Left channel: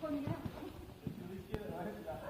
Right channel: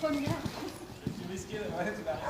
première. Tu risquais, ouais, tu l'as risqué.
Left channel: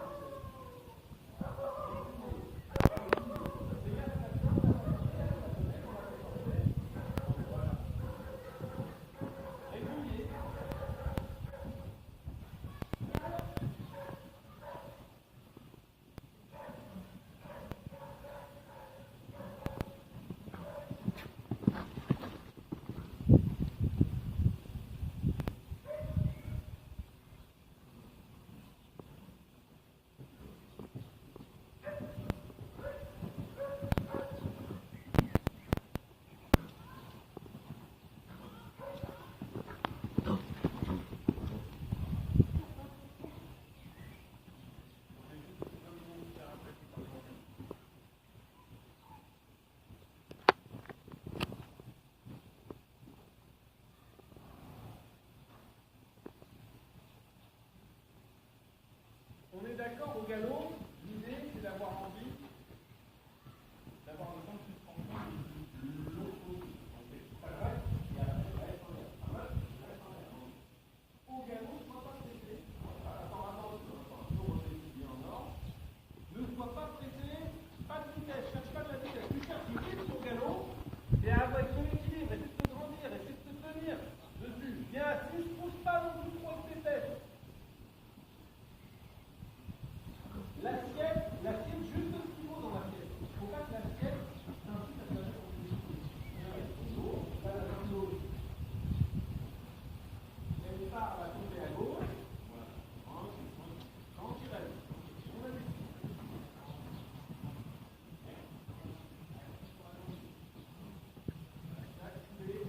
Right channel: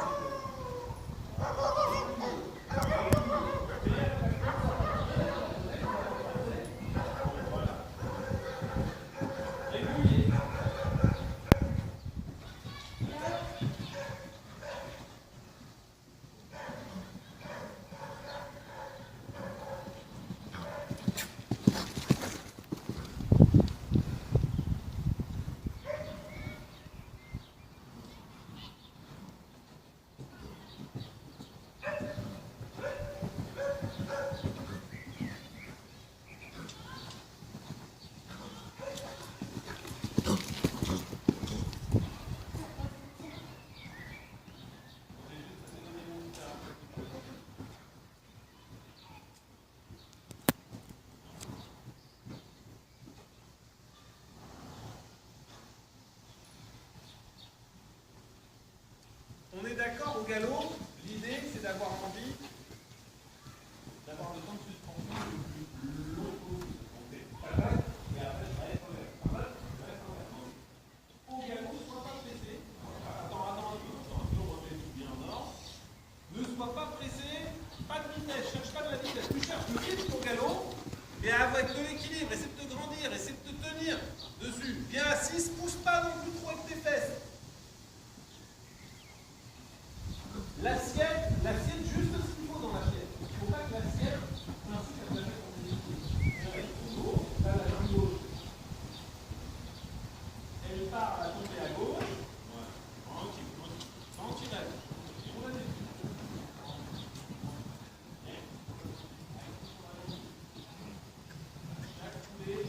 On est d'accord au galop, l'idée c'est d'avoir envie d'avoir le temps de suspension le plus long possible. Donc c'est pas grave, et après je reste en l'air. Au galop, ne sois pas pressé. Attends, on remet tout bien en ordre. Ne sois pas pressé, pas de vitesse, cherche pas de la vitesse. Tu cherches le rythme au galop, et avec de l'équilibre, essaie de te grandir, essaie de te tenir dessus. Viens à 6, pousse pas non plus trop avec tes fesses. L'assiette juste ce qu'il faut dans l'assiette. Il ne faut pas que l'assiette t'incite à te mettre en position. Elle est trop lourde, là la jambe gauche. Elle part à tomber à gauche. Ouais. Tranquille à gauche. On va définir.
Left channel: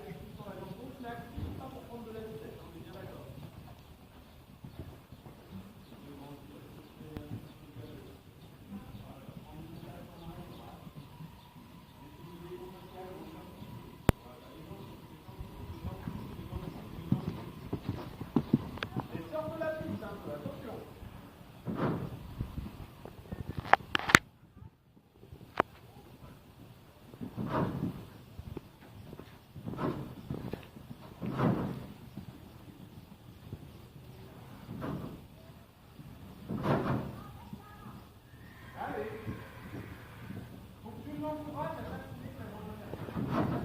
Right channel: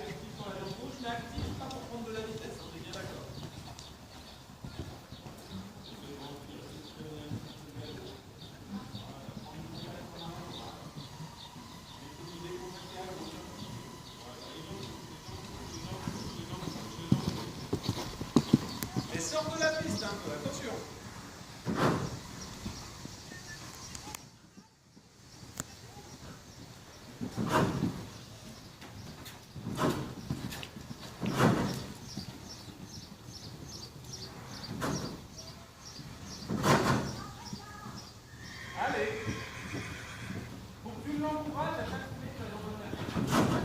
Active sur la jambe gauche, mais active pas pour prendre de la vitesse. On est bien d'accord. Sors de la piste un peu, attention. Allez. Pour que tu l'encourages à chaque minute, ta jambe intérieure.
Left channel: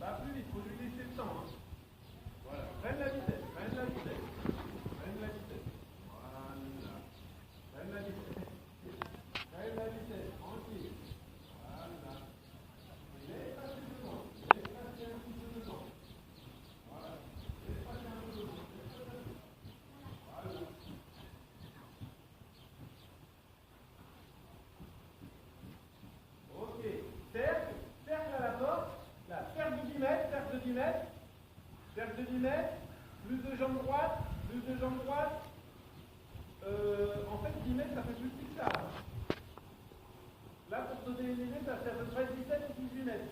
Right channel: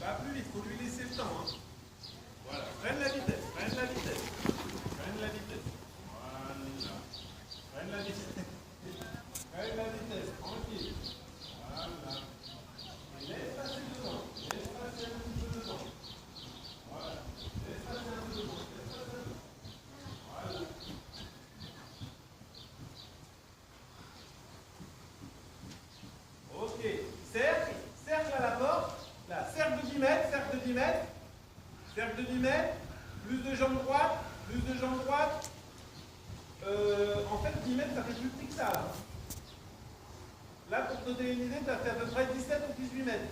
Pas plus vite, faut lui laisser le temps. Hein. Voilà, freine la vitesse, freine la vitesse. Freine la vitesse. Voilà. Freine la vitesse. Freine la vitesse, tranquille. Voilà. Et laisse passer devant. Laisse passer un petit peu devant. Voilà. Laisse passer un peu devant. Laisse passer un peu. Voilà. Ok. Cercle à la porte. Là, cercle de 10 mètres, cercle de 10 mètres, cercle de 10 mètres, plus de jambe droite, plus de jambe droite. En fait, 10 mètres, ça fait plus petit que ça. Là, pour te donner une idée, tu as fait à peu près 17 ou 18 mètres.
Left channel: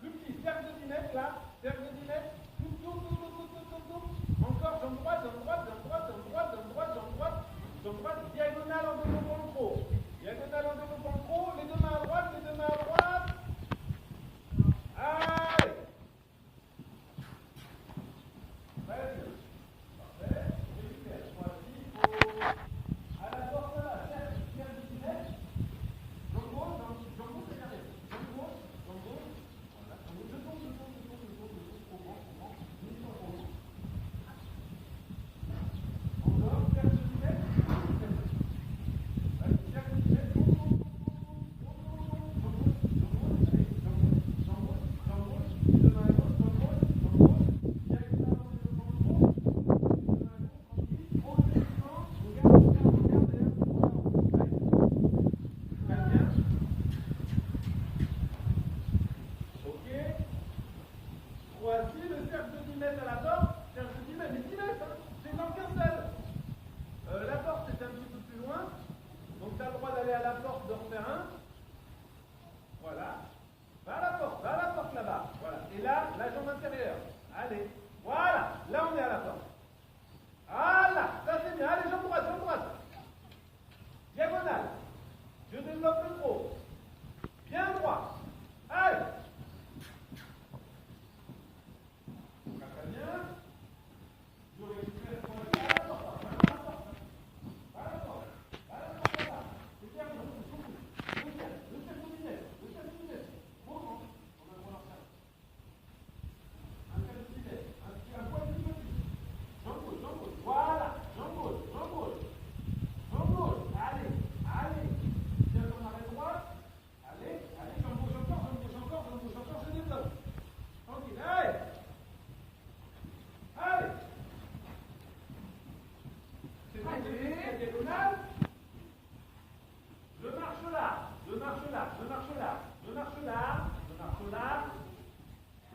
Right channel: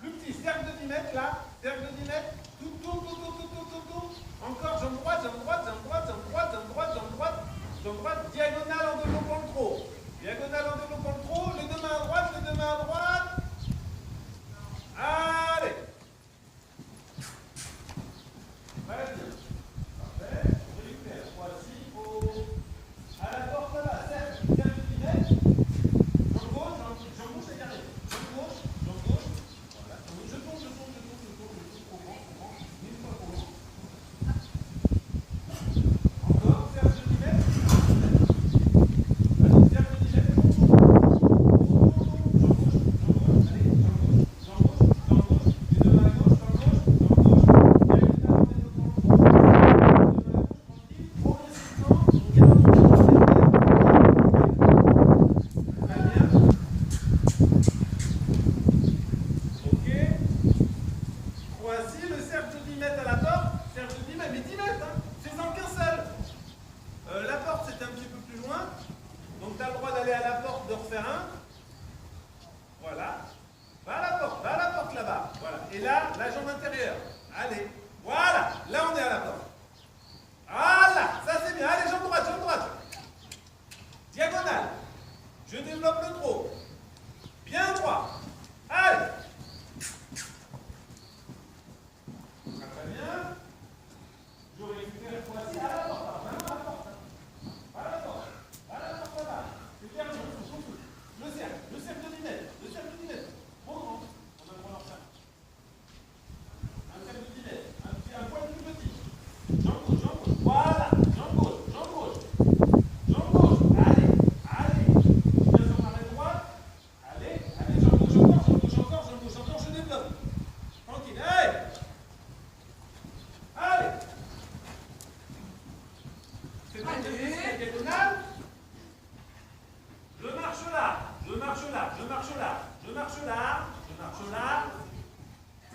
Plus petit, cercle de 10 mètres, là, cercle de 10 mètres, tourne. Encore, jambe droite, jambe droite, jambe droite, jambe droite, jambe droite, jambe droite, jambe droite, diagonale en développant le trop. Diagonale en développant le trop, les deux mains à droite, les deux mains à droite. Allez. Très bien. Parfait. On récupère. Voici à la porte là, cercle de 10 mètres. Jambe gauche, c'est carré. Jambe gauche. Voilà. Je tourne. Trop grand. Une fois trop grand. j'étais un petit peu plus loin. Donc tu as le droit d'aller à la porte, de refaire un. Voilà. Va à la porte là-bas. Voilà. Et là, la jambe intérieure. Allez. Voilà. Là, on est à la porte. Voilà. Ça, c'est bien. Allez, jambe droite, jambe droite. Diagonale. Je développe le trot. Bien droit. Allez. Très bien. Je récupère le poignet à la porte. À la porte. À la porte. À la porte là-bas. C'est bien, le cercle de 10 mètres. Le cercle de 10 mètres. Bon, on a le droit d'en faire. Un cercle de 10 mètres. Un poil plus petit. Jambe gauche, jambe gauche. Voilà. Jambe gauche, jambe gauche. Jambe gauche. Allez. Allez. Bien sur l'arrêt droite. Allez. Allez, jambe gauche encore, jambe gauche encore, jambe gauche encore. Je développe. Tranquille. Allez. Allez. C'est bien de diagonale. Je marche là, je marche là, je marche là, je marche là, je marche là.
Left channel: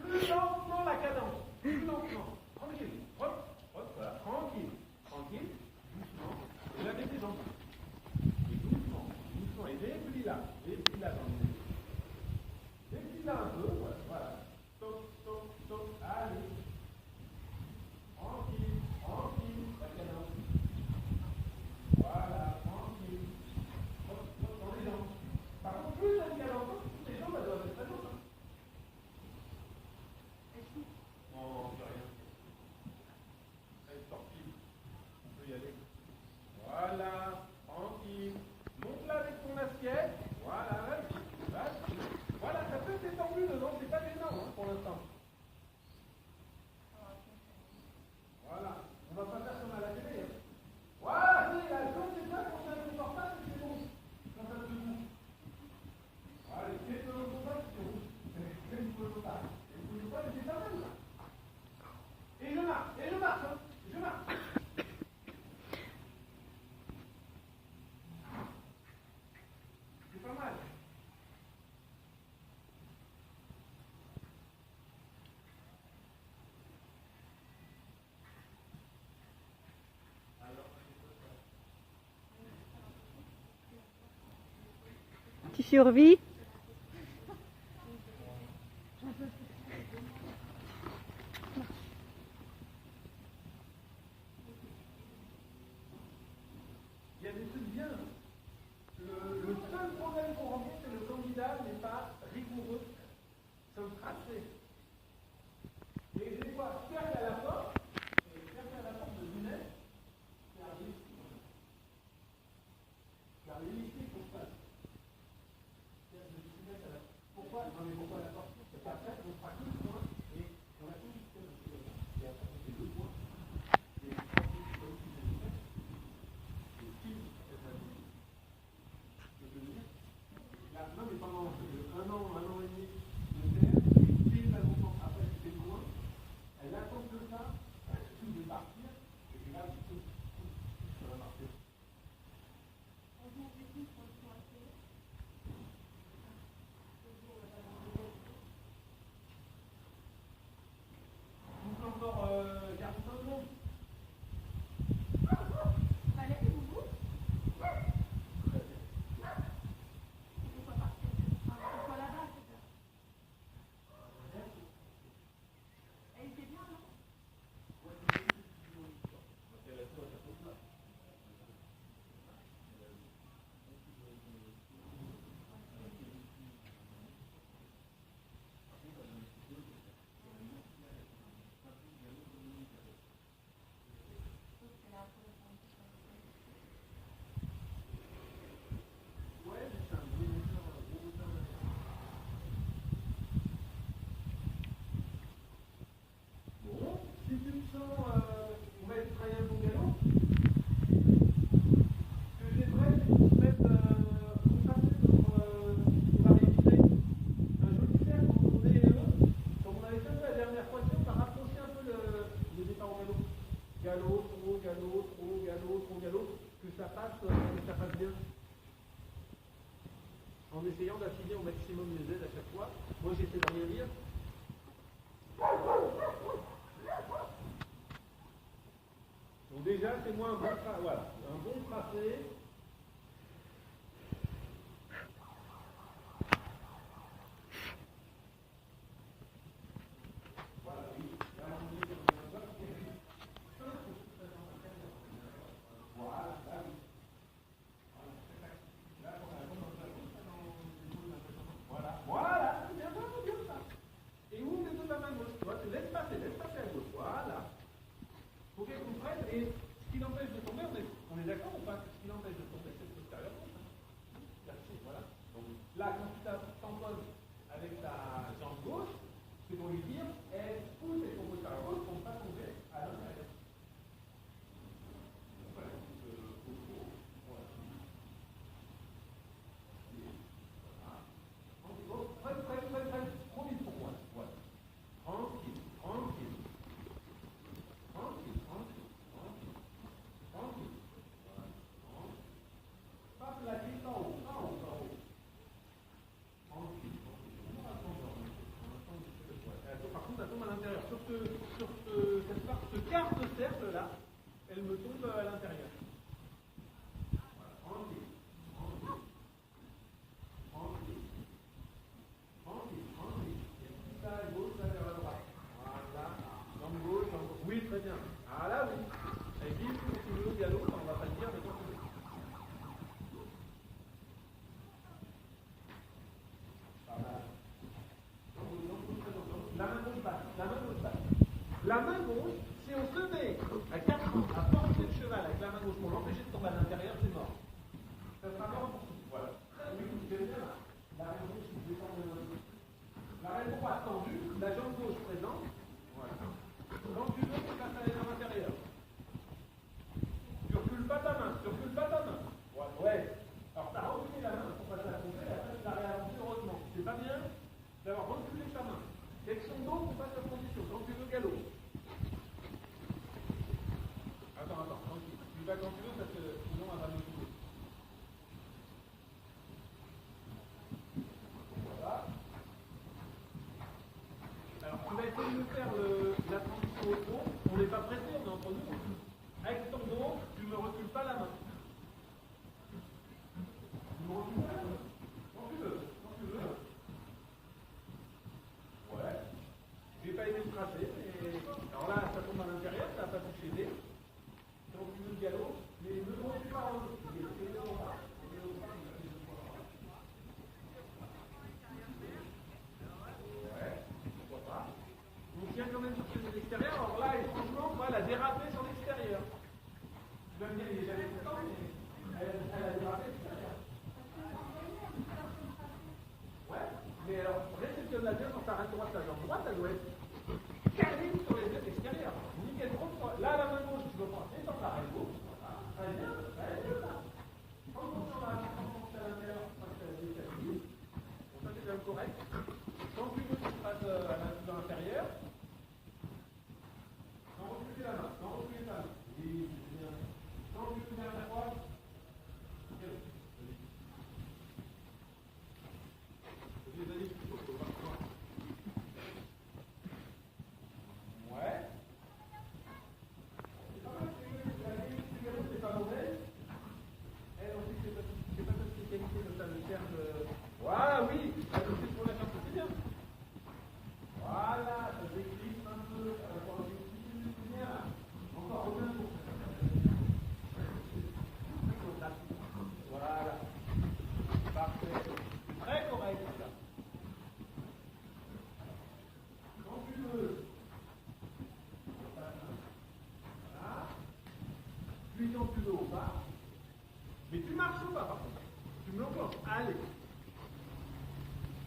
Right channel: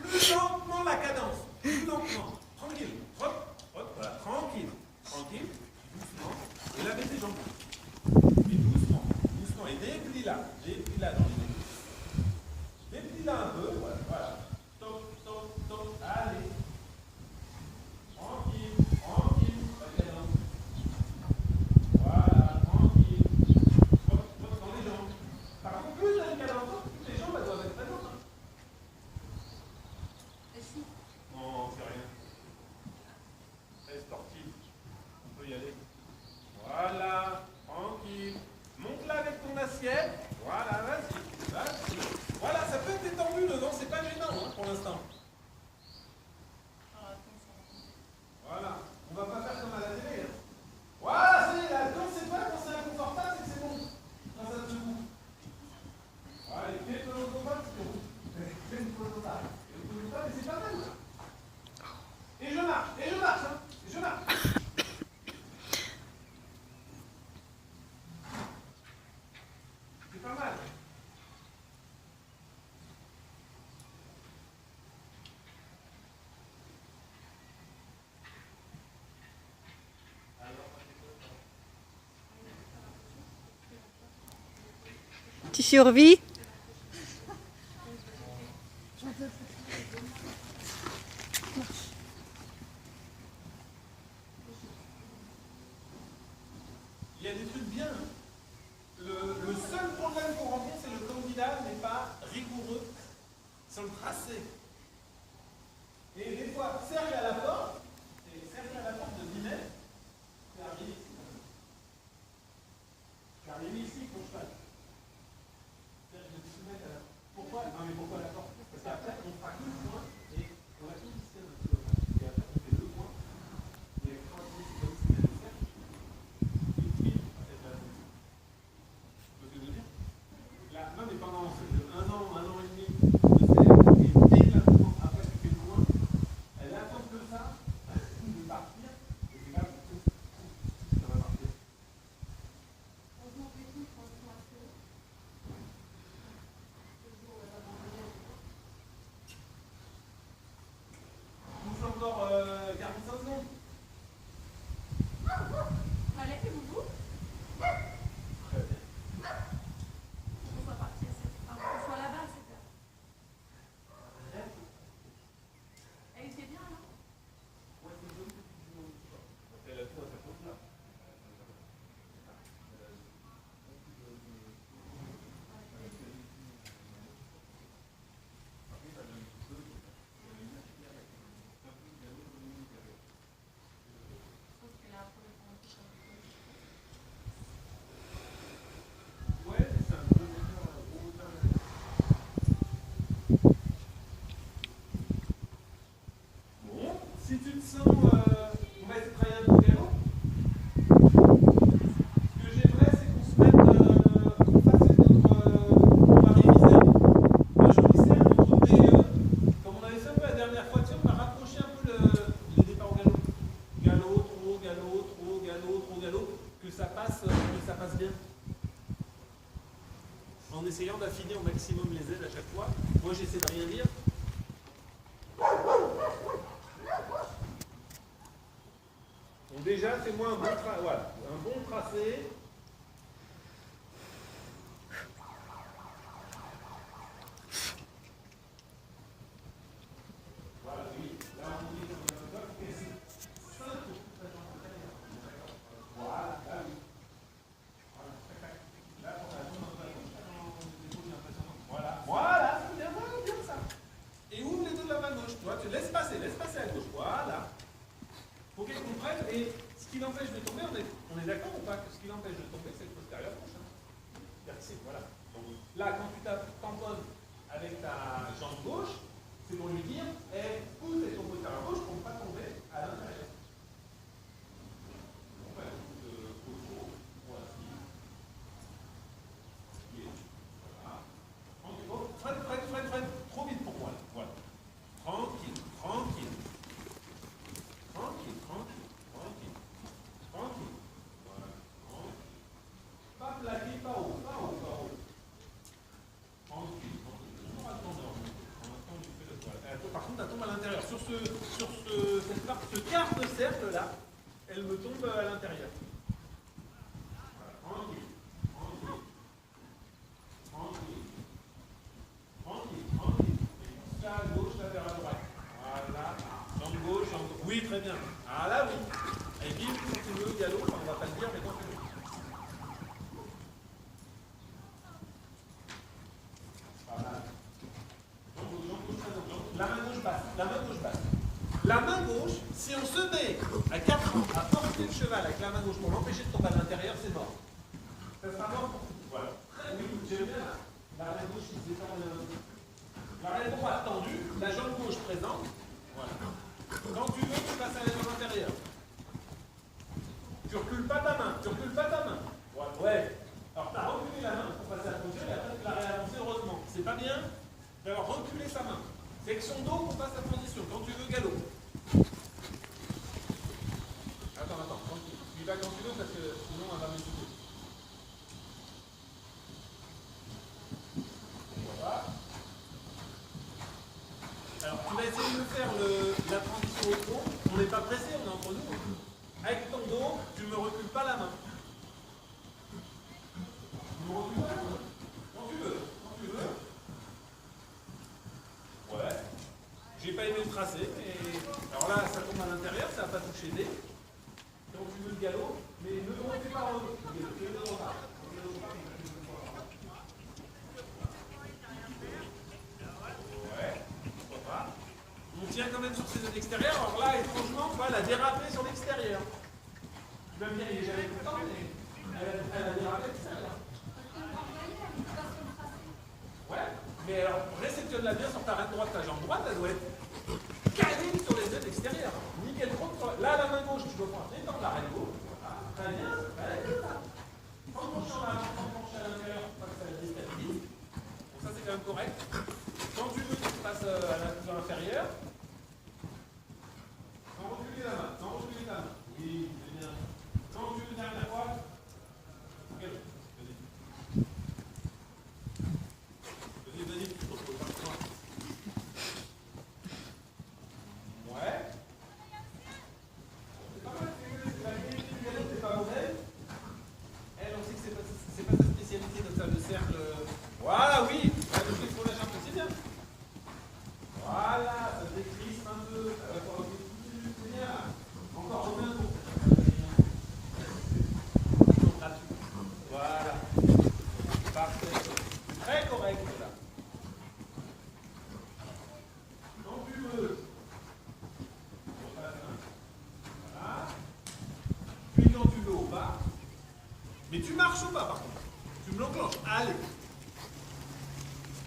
Plus lentement la cadence, plus lentement. Tranquille, trotte, trotte, voilà, tranquille, tranquille, doucement. Et là, mets tes jambes. Et doucement, doucement. Et déplie là dans les deux. Déplie là un peu, voilà, voilà. Top, top, top, allez. Tranquille, tranquille, la cadence. Voilà, tranquille. Dans les jambes. Par contre, plus tu as une cadence, plus les jambes elles doivent être très lourdes. Non, c'est rien. Très sportif. On peut y aller. Voilà, tranquille. Monte là avec ton assiette. Voilà, vas-y, vas-y. Voilà, ça peut être détendu dedans, c'est pas gênant hein, pour l'instant. Voilà, on va pas faire comme à la télé. Hein. Voilà, c'est là, quand c'est pas, quand c'est inconfortable, c'est que c'est bon. Quand ça te boue. Voilà, fais le confortable, c'est bon. Fais le confortable. Mais c'est pas mal là. Et je marche, hein. Et je marche. C'est pas mal. Tu survis? Il y a des trucs bien. Le seul problème qu'on rencontre, c'est le candidat n'est pas rigoureux sur le tracé. Et des fois, cercle à la porte, c'est cercle à la porte de 10 mètres, c'est arrivé ici quand même. C'est arrivé ici pour cheval. Cercle de 10 mètres à la porte. Pourquoi? Non mais pourquoi la porte? Parce qu'après, on fera que le point et on a tout le système un peu là. Et après, on fait le point. Et quand c'est comme si c'était le cercle, une file à cette base. Tu vois ce que je veux dire? Là, non mais pendant un an et demi, de cercle, et dès que la présence, après tu fais le point, elle attend que ça, de partir, et c'est là que ça va partir. Bouge encore 45 secondes. Allez, vous Très bien. on soit parti on soit là-bas, c'est quoi? Elle était bien, non? Je pense qu'elle a un peu Ouais, c'est un gros moteur. Bon, si tu te sens, on va essayer de travailler un peu au galop. Ce que j'aimerais, c'est qu'on se mette, qu'on fasse on va réviser. Moi, je glissais un peu au DE, comme on avait fait un peu la dernière fois, tu sais, on a rapproché un peu le départ au galop. Galop, trop, galop, trop, galop, trop, galop, que ça passe bien. En essayant d'affiner au maximum les aides à chaque fois. Moi, j'essaie de rien dire. Donc déjà, c'est moi voilà, un bon tracé. Voilà, oui. Là, on dit qu'on a un bloc qui est 5 pour toute la jambe intérieure. Voilà, là, oui. Voilà, là, on a la jambe intérieure. Voilà, voilà, c'est bien, voilà, bien ça. Et ouvre les deux de la main gauche. Toi, tu laisses passer à gauche. Voilà. Faut qu'elle comprenne. Et ce qui l'empêche de tomber, on est d'accord ou pas que ce qui l'empêche de tomber, c'est le postérieur gauche. Voilà. Donc là, quand tu tamponnes avec ta jambe gauche, c'est pour lui dire, hey, pousse avec ton postérieur gauche pour ne pas tomber à l'intérieur. Enfin, voilà. Freine. Trop vite pour moi. Voilà. Tranquille. Voilà. Pas plaqué, pas haut. Tranquille. Toujours à tendeur. Par contre, elle tombe à l'intérieur. Sur ce quart de cercle là, elle me tombe à l'intérieur. Voilà. Tranquille. Là à gauche, là vers la droite. Voilà. Jambe gauche. Oui, très bien. Ah là, oui. Et bim, quand tu veux, galop, on va pas le dire, mais quand tu veux. Pas mal. La main gauche basse. La main gauche, si on se met à 4 ans à porter le cheval avec la main gauche pour l'empêcher de tomber à l'intérieur, c'est mort. Ça sera mort pour tout. Voilà. Oui, j'aime bien là. La main gauche, il s'étend. La main droite tendue, la jambe gauche présente. Voilà. Quand tu veux, tu passes à la jambe intérieure. Tu recules pas ta main. Ouais. Alors, tu as reculé la main pour passer à la posture et après, tu l'as réavancée heureusement. C'est pas bien d'avoir reculé sa main. C'est que son dos qu'on passe la transition. Quand tu veux, galop. Attends. Tu y vas quand tu veux parce que sinon, elle va m'écouter. Voilà. Alors, tu vas essayer de faire la transition au trot. On n'est pas pressé, on est entre nous. Avec ton dos, tu ne me recules pas la main. Quand tu veux. Ouais. J'ai pas aimé le tracé, mais. Alors là, ça tombe à l'intérieur, ça va pas toucher des. Donc tu veux le galop, mais ne le refais pas en haut. Ouais, pourquoi pas. On tient quand même sur ses zones extérieures. Alors là, étrangement, tu vois, elle a dérapé sur l'extérieur. Tu vas me dire, il est jamais content, mais elle a dérapé l'extérieur. Ouais, mais alors, réceptionne-la bien sur ta reine droite, ta jambe droite, elle doit être calée sur les zones extérieures. Nickel trop. Là, la main gauche, tu dois prendre étendre la reine gauche. Voilà, très bien, en penchant à l'intérieur, pour pas que ça la déstabilise. Donc ça, c'est quand même correct. Quand tu veux, tu passes à la position inférieure. Sans reculer la main, Oui, c'est bien. Quand tu veux dernière fois, ouais. C'est pas mal, c'est pas mauvais. Elle, on sait que c'est pas sa spécialité de faire le cercle. Voilà, oui. Il faut la jambe, c'est bien. Voilà, ça décrispe un peu. Ça va pouvoir plus. C'est bien. Encore Romain pour. Voilà. Parfait. Très correct là. Quand tu veux. Voilà. Puis quand tu veux au bas. Mais tu marches au bas par contre. Tu me l'enclenches. Allez.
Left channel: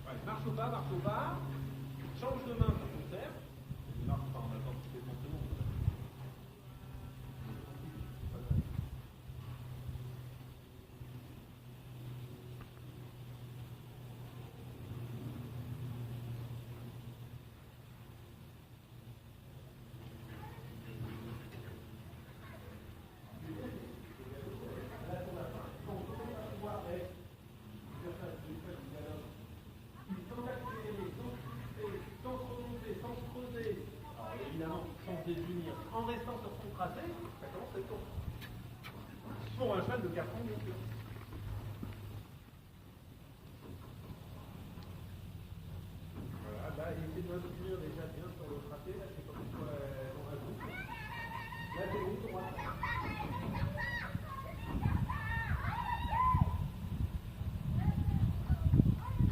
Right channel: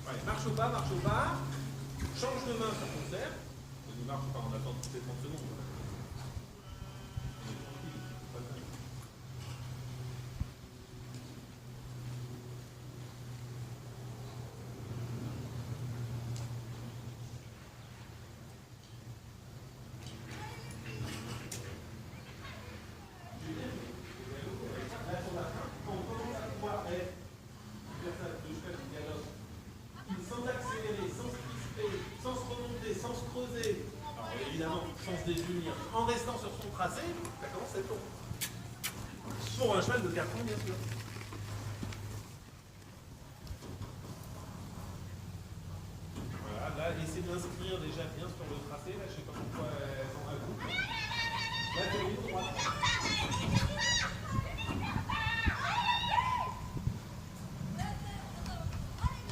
Allez, marche au bas. Change de main sur ton cercle. Il marche pas, on attend toutes les 30 secondes. Sans se remonter, sans se creuser. Alors évidemment, sens des yeux pour un cheval de carton, bien sûr. Voilà, là, essayez d'inscrire déjà bien sur le tracé. Là, je ne sais pas pourquoi elles ont un coup. Là, tenez droite.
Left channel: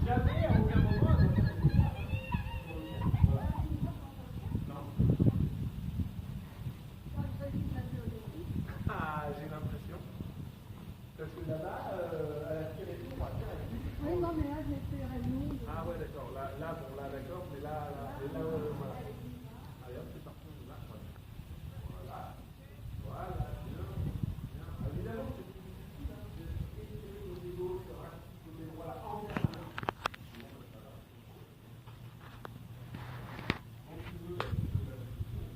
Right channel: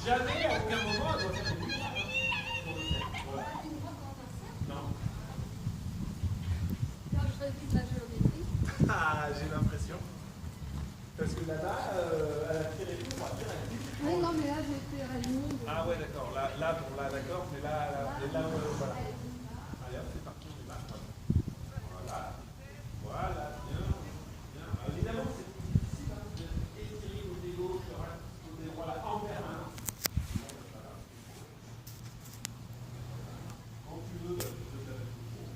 Jamais, à aucun moment, elle doit faire une ligne. Voilà. Non. Ah, j'ai l'impression. Parce que là, elle a tiré tout, on va dire, elle a dit. Oui, non, mais là, j'ai fait réunion. Ah ouais, d'accord. Là, bon, là, d'accord, mais là, voilà. Allez, hop, c'est parti, on y va. Voilà. Voilà, bien, bien. Alors, évidemment, c'est difficile hein, d'étirer côté gauche, côté droit, là, en permanence. Quand tu veux, bah, tu peux faire la position.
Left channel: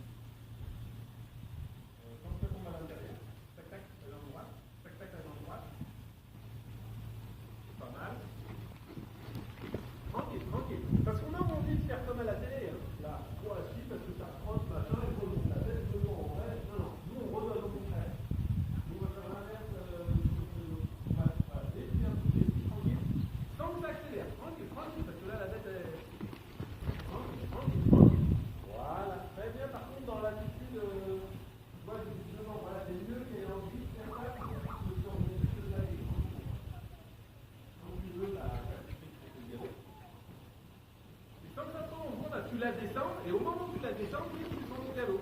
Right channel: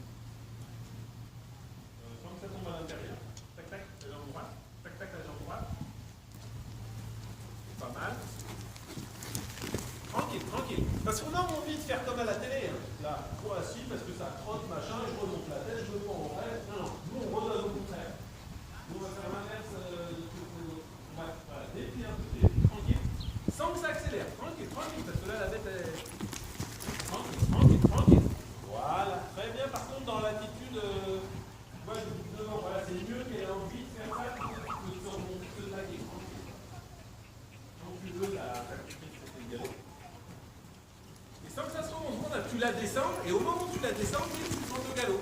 Tant que ça tombe à l'intérieur. Tac, tac, la jambe droite. Tac, tac, la jambe droite. Pas mal. Tranquille, tranquille. Parce qu'on a envie de faire comme à la télé. Hein. Là, soit assis parce que ça trotte, machin, je remonte la tête, je me prends en vrai. Non, non, nous on redonne au contraire. Nous on va faire l'inverse. Ouais, voilà, déplie un peu, tranquille. Sans que ça accélère. Tranquille, tranquille, parce que là la bête est. Tranquille, tranquille, tranquille. Voilà, très bien. Par contre, dans l'attitude. Moi je dis devant, voilà, c'est mieux qu'elle ait envie de faire ça que de se remonter, de taguer. Tranquille. Quand tu veux, la pratique, c'est égal. Et sans que ça se rende compte, tu la descends, et au moment où tu la descends, tu sens le galop.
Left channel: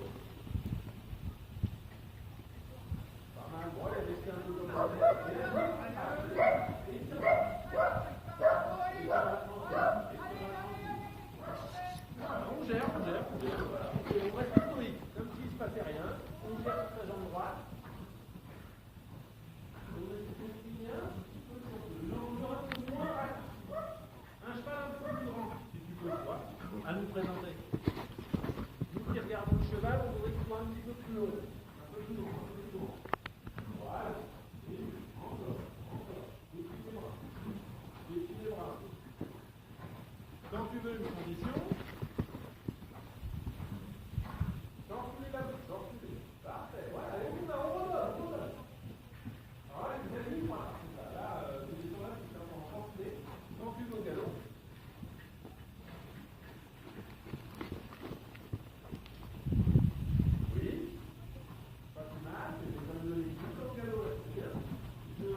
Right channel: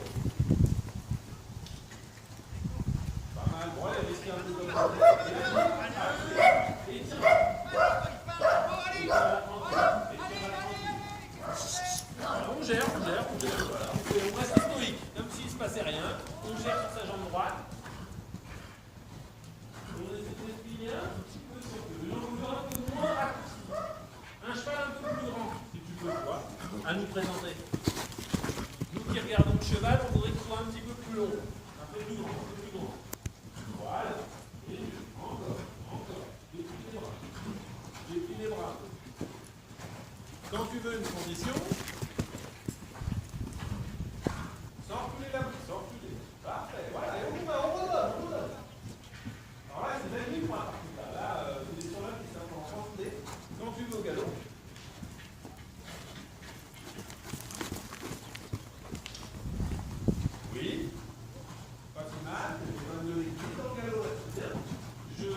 Pas mal, bon, elle risque un peu comme ça. Et tiens. Voilà, on gère, voilà. On reste stoïque, comme s'il ne se passait rien. On gère sur sa jambe droite. On essaie de plier un petit peu sur le longueur un peu moins raccourci. Un cheval un peu plus grand, si tu peux, toi, à nous présenter. Nous qui regardons le cheval, on voudrait qu'il soit un petit peu plus long. Un peu plus grand, un peu plus grand. Voilà. Et encore. Déplie les bras. Déplie les bras. Quand tu veux une condition, sans reculer la main, sans reculer. Parfait, voilà, et on redonne. Alors là, c'est même libre, par contre, là, c'est des chevals qui sont en santé. Quand tu veux au galop. Oui, pas si mal, je donne le liquide au galop, c'est bien. Je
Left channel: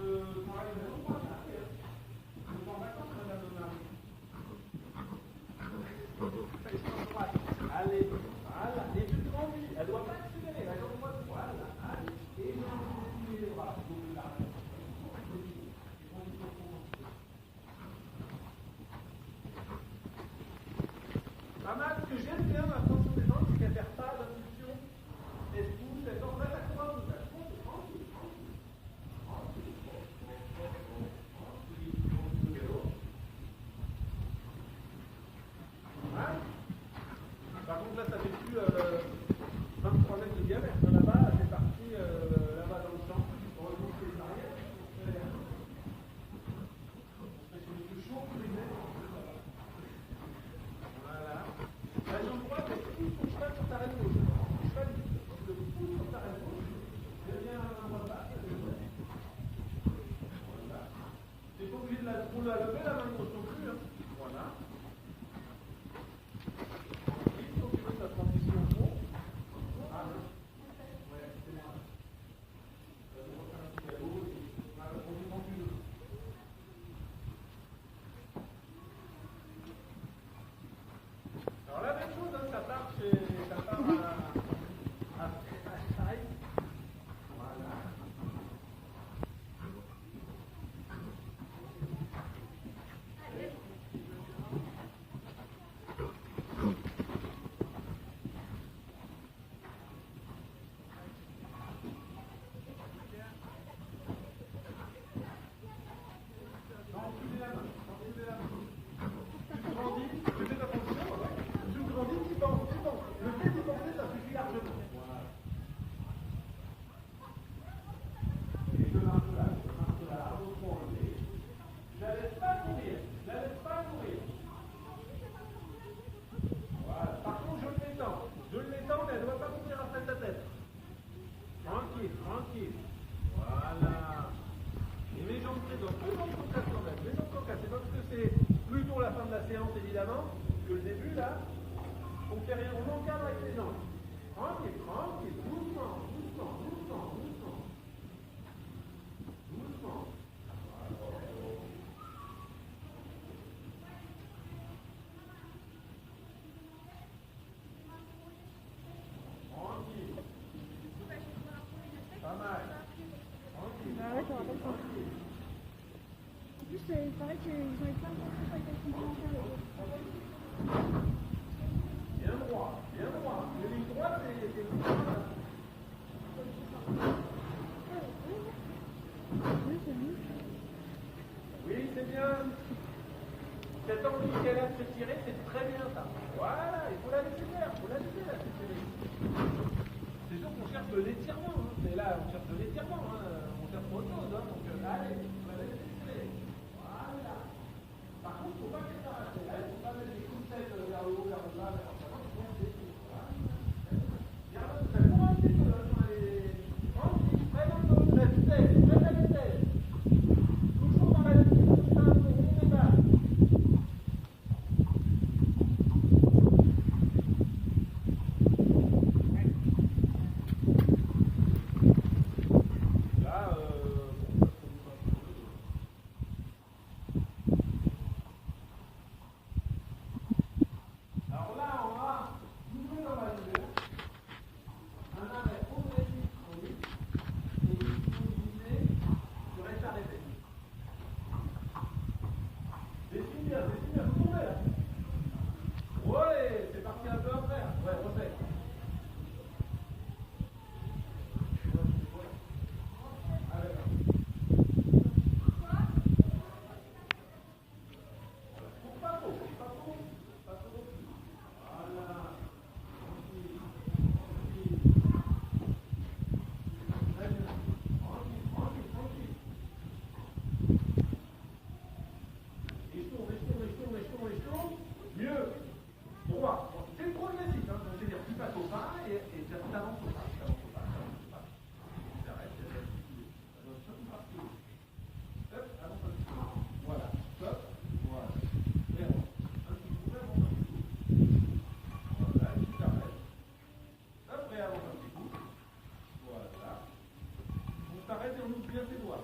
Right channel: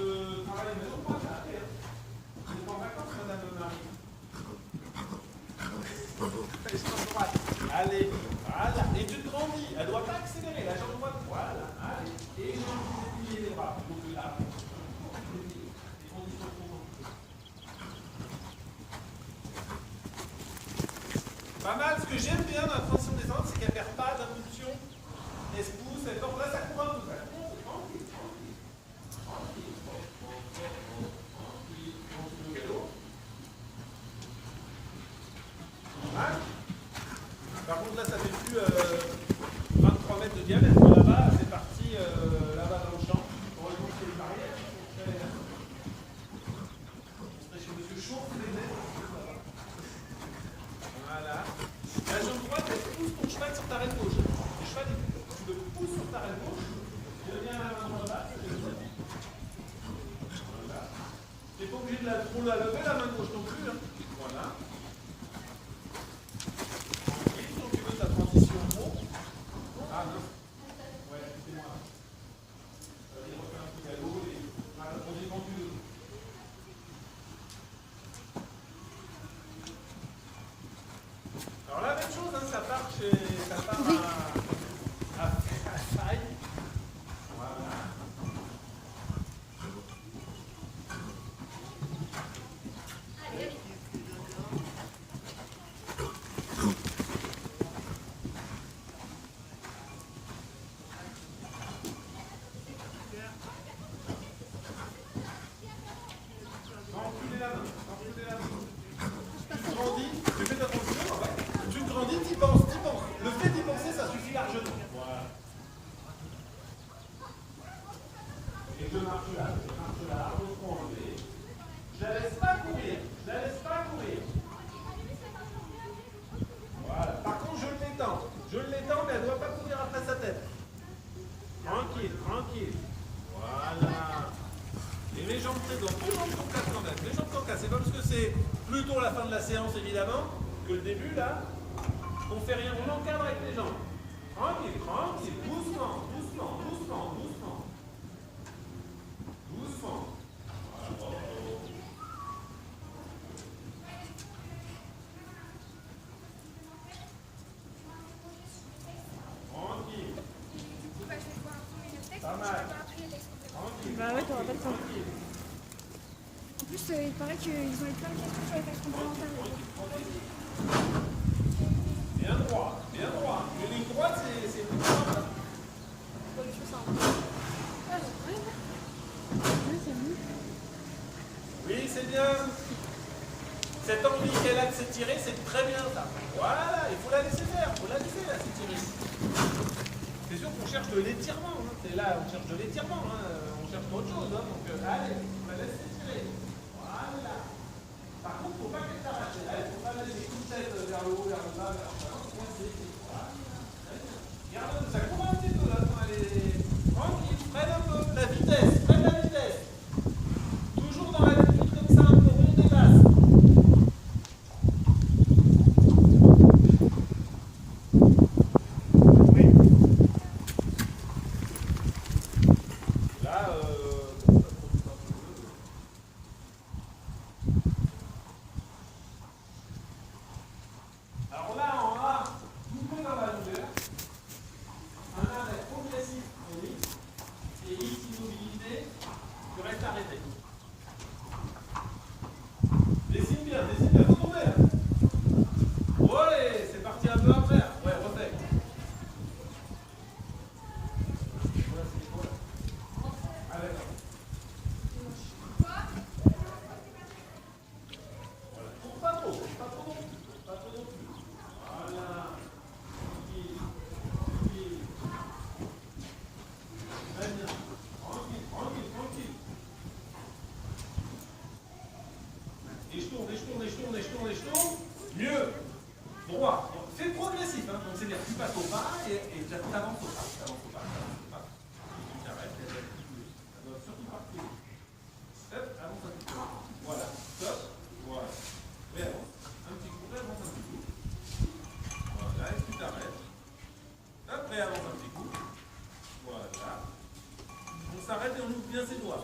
travaille même pas là, je suis en vacances, madame Marie. Je suis en droite. Allez, voilà, et tu te grandis, elle ne doit pas accélérer, la jambe droite, voilà, allez, et j'ai envie de déplier les bras, donc là, les conditions sont pas mal, ce que j'aime bien dans la transition descente, c'est qu'elle ne perd pas d'impulsion, elle se pousse, elle porte, là ça court un peu, tranquille, le galop. Voilà. Par contre là ça fait plus 23 mètres de diamètre, là-bas c'est parti là-bas dans le champ, heureusement qu'il y a une barrière, on serait chez monsieur Chauffe, les mètres, voilà. La jambe droite, elle pousse ton cheval sur ta reine gauche. Le cheval, tu le pousses sur ta reine gauche, reviens à la main basse, voilà. Tu n'es pas obligé de trop la lever, la main gauche non plus. Hein. Voilà. Ensuite, quand tu veux ta transition haut. Ah non. Ouais, c'est moi. Il refait un petit galop et. Ah, la transition quand tu veux. Alors la même chose, hein, ça part à faille. Voilà. Enculer la main, enculer la main. Tu grandis, tu fais ta transition, ouais. Tu grandis, tu penses. Le fait d'y penser, ça suffit largement. Voilà. Et je marche là, on se prend enlever. Je la laisse pas courir, Voilà. Par contre, je l'étends, mais elle ne doit pas courir après sa tête. Tranquille. Voilà. présent. Tout le monde tourne casse en tête. Les jambes sont cassées. C'est pas parce que c'est plutôt la fin de la séance, évidemment, que le début, là, on fait rien. On encadre avec les jambes. Tranquille, tranquille. Doucement, doucement, doucement, doucement. Doucement. Voilà. Tranquille. Pas mal. Tranquille. Bah ouais, t'auras pas le temps. Tranquille. En plus, il paraît qu'ils ont eu plein de questions sur les taxes comportementales. Bien droit, bien droit. Les lignes droites, c'est plus simple. Oui, c'est bien. Cette envie qu'elle a de s'étirer, c'est très bien ça. Voilà, il faut la laisser faire, il faut la laisser là, s'étirer. C'est sûr qu'on cherche de l'étirement. Hein. C'est là, on cherche de l'étirement. Hein. On cherche pas autre chose. Hein. Donc, allez, on la laisse s'étirer. Voilà. Par contre, il ne faut pas qu'elle s'arrache. Là, il ne faut pas mettre les coups de tête vers le haut, vers le bas, vers le bas. Voilà. Regarde, ça court un petit peu là. Allez, tranquille, freine un peu. La vitesse, freine la vitesse. Toujours dans la limite comme ça, un peu ronde et basse. Oui. Là, alors là, on va doubler dans la longueur. Un arrêt progressif chronique et immobilité qui reste arrêté. Dessine bien, faut tomber là. Ouais, c'est parti un peu après. Ouais, refais. Allez, là. Voilà. Cours pas trop, pas trop non plus. Voilà. Tranquille, tranquille. Très bien. Tranquille, tranquille, tranquille. Et je tourne, et je tourne, et je tourne, et je tourne, et je tourne. Mieux. Droit. C'est progressif, hein. Donc c'est-à-dire que tu passes au pas et tu avances au pas. Tu avances au pas, tu avances au pas. Tu t'arrêtes, ça doit surtout pas reculer. Hop, avance un petit peu. Voilà. Stop. Voilà. Réavance. Un petit coup, réavance un petit coup. Voilà, et tu t'arrêtes. Hop, réavance un petit coup. Voilà. On s'arrête et on ouvre bien ses doigts.